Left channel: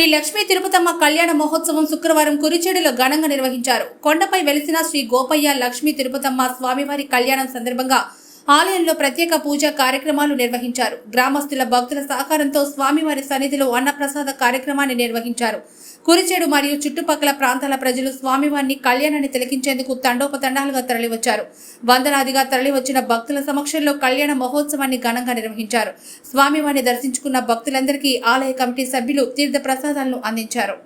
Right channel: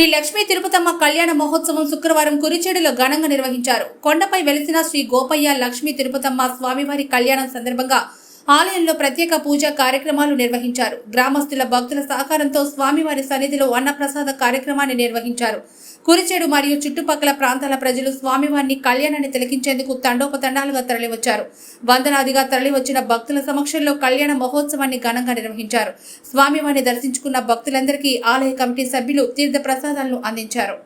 శ్రీ లక్ష్మీ తిరుపతమ్మ కళ్యాణ మహోత్సవం శుక్రవారం కురిచేడులో ఘనంగా నిర్వహించారు. కొండపై వెలిసిన శ్రీ గోపయ్య లక్ష్మీ తిరుపతమ్మ స్వామివారి కళ్యాణం సందర్భంగా ఆలయంలో ప్రత్యేక పూజా కార్యక్రమాలు నిర్వహించారు. గ్రామస్తుల భక్తుల సహకారంతో స్వామివారి సన్నిధిలో అన్నప్రసాద కార్యక్రమాన్ని నిర్వహించారు. కురిచేడు మరియు చుట్టుపక్కల ప్రాంతాల ప్రజలు స్వామివారిని కళ్యాణాన్ని తిలకించేందుకు తండోపతండాలుగా తరలివచ్చారు. వందలాదిగా తరలివచ్చిన భక్తుల సమక్షంలో కళ్యాణ మహోత్సవాన్ని ఘనంగా నిర్వహించారు. స్వామివారిని దర్శించుకున్న భక్తులందరికీ ఆలయ కమిటీ సభ్యులు తీర్థ ప్రసాదాలను అందించారు.